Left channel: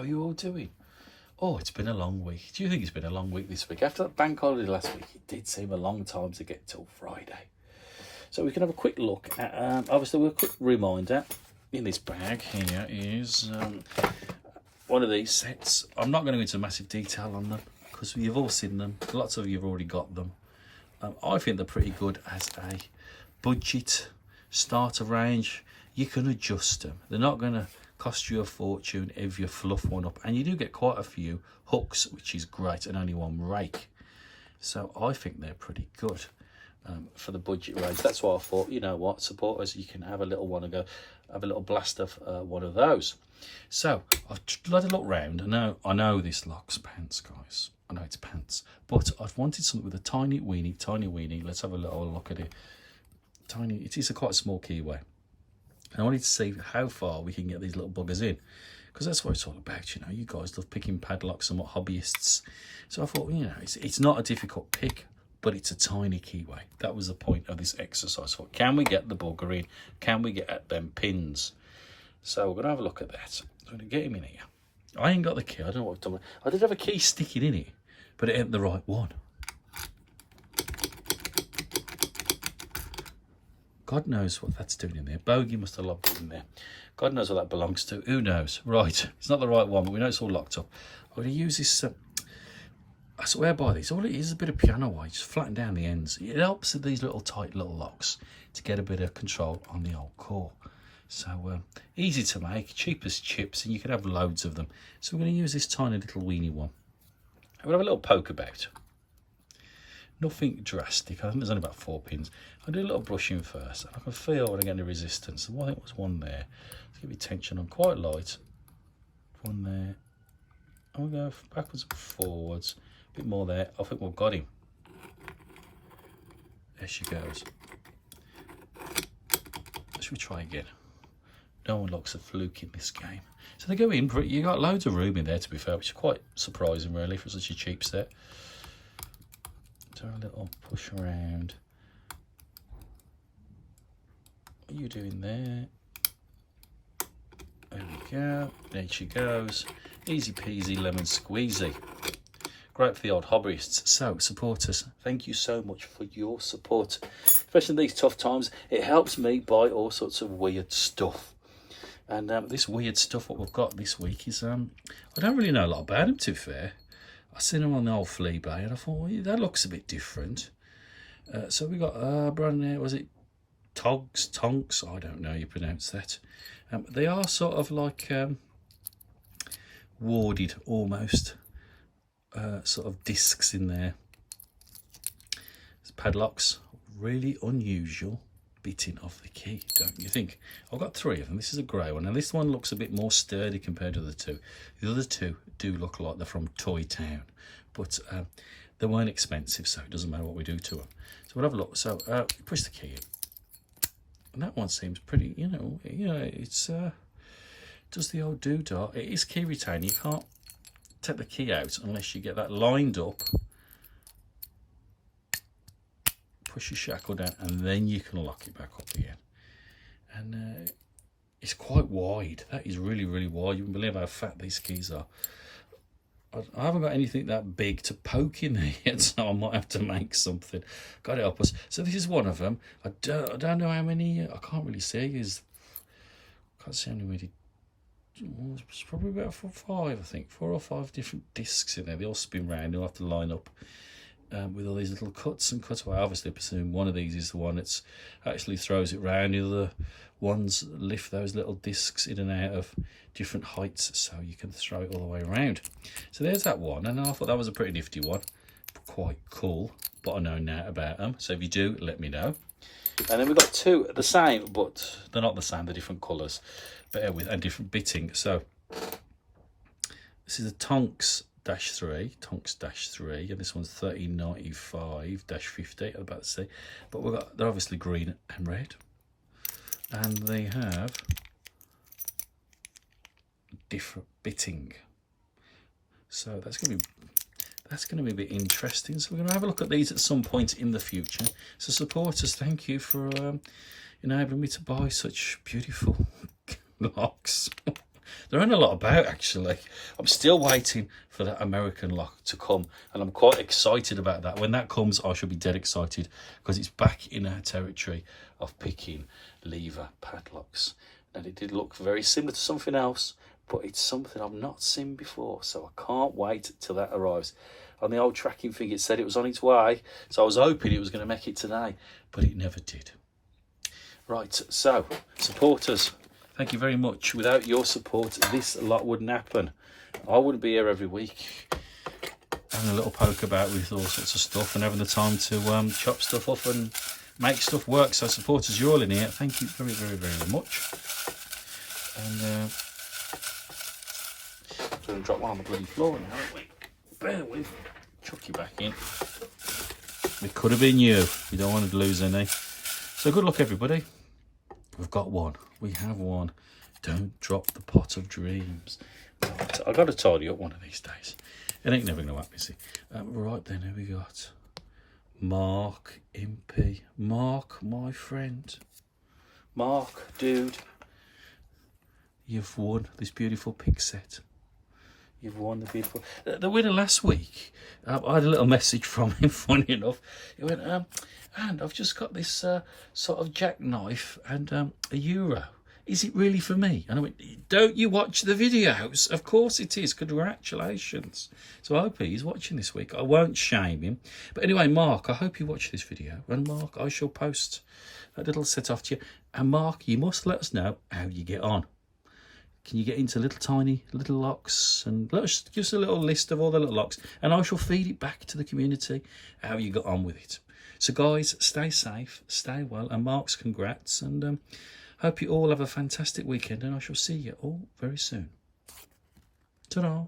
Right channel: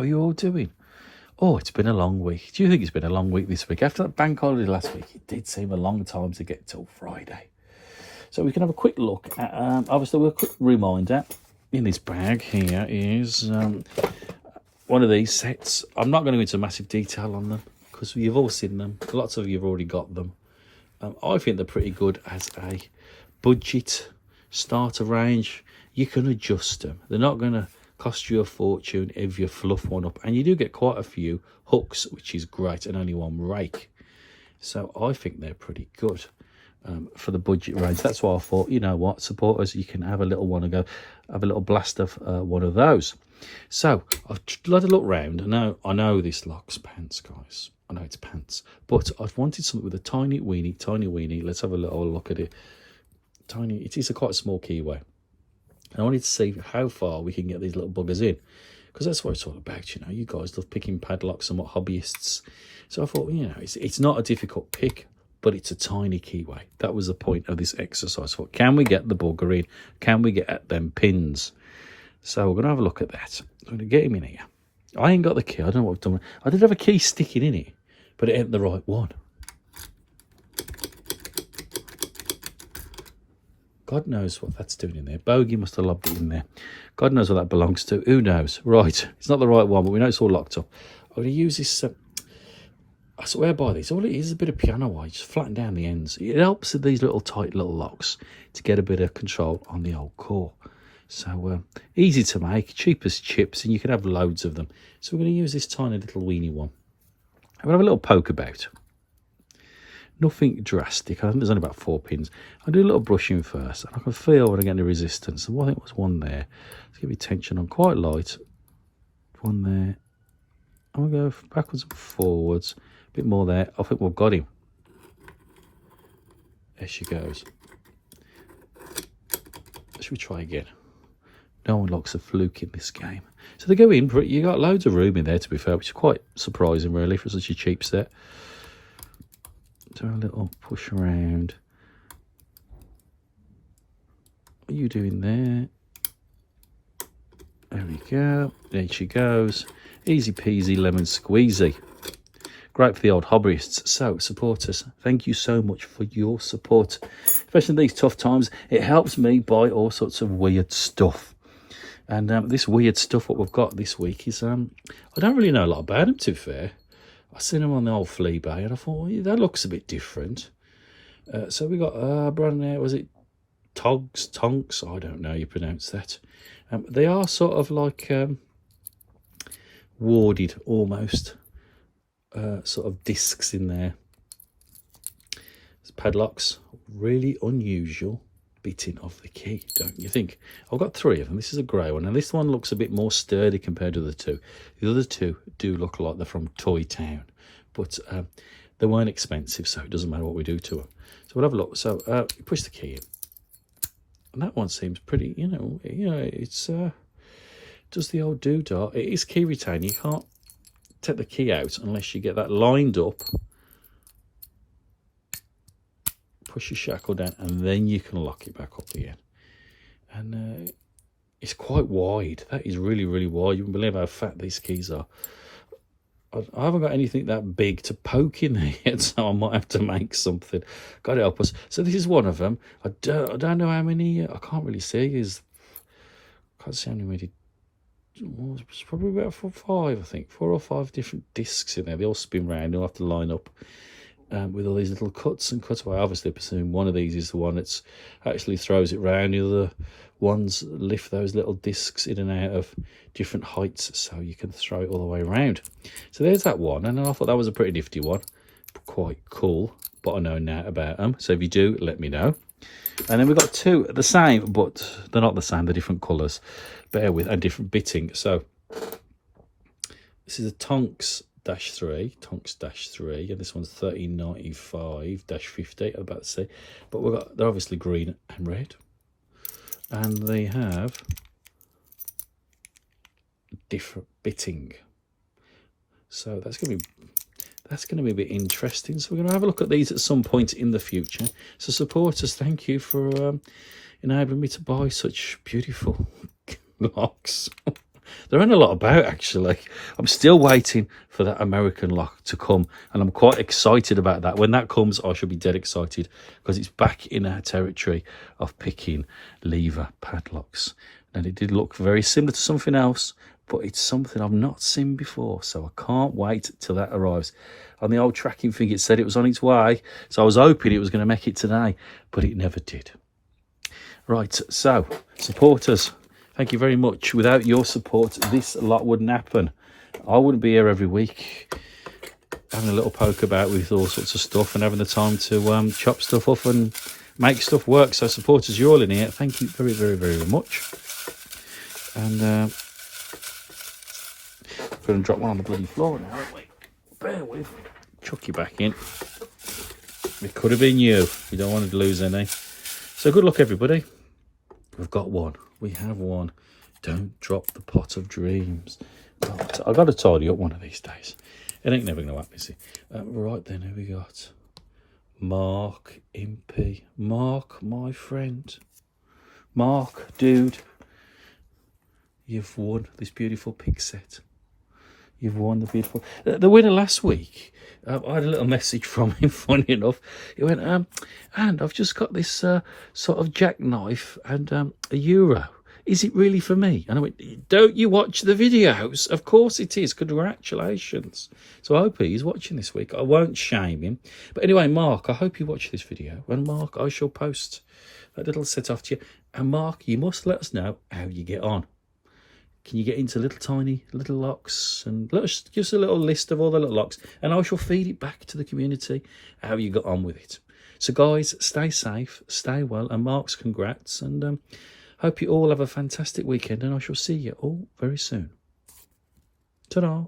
How are you all doing? Oh, it's been a long week. Do you think it's been a long week this week? After the bank holiday last week, it did seem a long time to get till Friday. So we can have a quick look at, obviously, a quick reminder. In this bag here is one of these sets. I'm not going to go into massive detail on them because you've all seen them. Lots of you have already got them. I think they're pretty good as a budget starter range. You can adjust them. They're not going to cost you a fortune if you fluff one up, and you do get quite a few hooks, which is great, and only one rake. So I think they're pretty good for the budget range. That's why I thought, you know what, supporters, you can have a little one and go have a little blast of one of those. So I've let a look round. I know this locks pants, guys. I know it's pants, but I've wanted something with a tiny weenie. Let's have a little look at it. Tiny. It is a quite small keyway. And I wanted to see how far we can get these little buggers in, because that's what it's all about, you know. You guys love picking padlocks and what hobbyists. So I thought, you know, it's not a difficult pick, but it's a tiny keyway. That was the point of this exercise. I thought, can we get the bugger in? Can we get at them pins? So we're going to have a look at that. I'm going to get him in here. I ain't got the key. I don't know what I've done. I did have a key sticking in it, but it ain't the right one. God knows what that's doing in there. Bogey must have locked it in there. God knows what that belongs to. Who knows? Right. It's not the right one, but we know it's all locked up. I'm going to use this. I swear by this. All it is a bit of piano wire. Just flatten down the ends. It helps with these little tight little locks to get a bit of control on the old core. So easy to make. Cheap as chips. And you can have loads of them. So we're going to use this tiny little weenie one. I'm going to have a little poke about. Nothing drastic. I think there's only about 4 pins. I'll do a little brushing first, and I can feel when I get the resistance. And I think was one there. Let's give me tension on quite light. One there. I'm going to go backwards and forwards. A bit more there. I think we've got him. There she goes. Should we try again? No one likes a fluke in this game. So they go in. You got loads of room in there, to be fair, which is quite surprising, really, for such a cheap set. Do a little push around. What are you doing there? There we go. There she goes. Easy peasy lemon squeezy. Great for the old hobbyists. So, supporters, thank you so much for your support. Especially in these tough times. It helps me buy all sorts of weird stuff. And this weird stuff, what we've got this week is, I don't really know a lot about them, to be fair. I seen them on the old flea bay, and I thought, well, that looks a bit different. So we got brand there. Was it Togs? Tonks? I don't know how you pronounce that. They are sort of like warded almost, sort of discs in there. It's padlocks, really unusual bitting of the key, don't you think? I've got 3 of them. This is a grey one, and this one looks a bit more sturdy compared to the 2. The other 2 do look like they're from Toy Town, but they weren't expensive, so it doesn't matter what we do to them. So we'll have a look. So push the key in, and that one seems pretty, you know, it's does the old doodah. It is key retained. You can't take the key out unless you get that lined up. Push your shackle down, and then you can lock it back up again. And it's quite wide. That is really, really wide. You wouldn't believe how fat these keys are. I haven't got anything that big to poke in there yet, so I might have to make something. God help us. So this is one of them. I don't know how many. I can't really see. I can't see how many. It's probably about 4 or 5, I think. 4 or 5 different discs in there. They all spin round. You'll have to line up. With all these little cuts and cutaway. Obviously, I presume one of these is the one that's actually throws it round. The other ones lift those little discs in and out of different heights, so you can throw it all the way around. So there's that one, and I thought that was a pretty nifty one. Quite cool, but I know now about them. So if you do, let me know. And then we've got 2 the same, but they're not the same. They're different colours. Bear with, and different bitting. So this is a Tonks -3, and this one's 1395-50. I'm about to say, but they're obviously green and red, and they have different bitting. So that's going to be a bit interesting. So we're going to have a look at these at some point in the future. So supporters, thank you for enabling me to buy such beautiful locks. There aren't a lot about, actually. I'm still waiting for that American lock to come, and I'm quite excited about that. When that comes, I shall be dead excited, because it's back in our territory of picking lever padlocks. And it did look very similar to something else, but it's something I've not seen before, so I can't wait till that arrives. On the old tracking thing, it said it was on its way, so I was hoping it was going to make it today, but it never did. Right, so supporters, thank you very much. Without your support, this lot wouldn't happen. I wouldn't be here every week having a little poke about with all sorts of stuff and having the time to chop stuff up and make stuff work. So supporters, you're all in here. Thank you very, very, very much. And going to drop one on the bloody floor now, aren't we? Bear with. Chuck you back in. It could have been you. You don't want to lose any. So good luck, everybody. We've got one. We have one. Don't drop the pot of dreams. Right, I've got to tidy up one of these days. It ain't never going to happen, is it? Right then, who we got? Mark Impey. Mark, my friend. Mark, dude. You've won this beautiful pig set. You've won the beautiful... The winner last week, I had a little message from him, funny enough. He went, and I've just got this sort of jackknife and a euro. Is it really for me? And I went, don't you watch the videos? Of course it is. Congratulations. So I hope he's watching this week. I won't shame him. But anyway, Mark, I hope you watch this video. And Mark, I shall post that little set off to you. And Mark, you must let us know how you get on. Can you get into little tiny little locks, and let us give us a little list of all the little locks, and I shall feed it back to the community how you got on with it. So guys, stay safe, stay well, and Mark's congrats, and hope you all have a fantastic weekend, and I shall see you all very soon. Ta-da.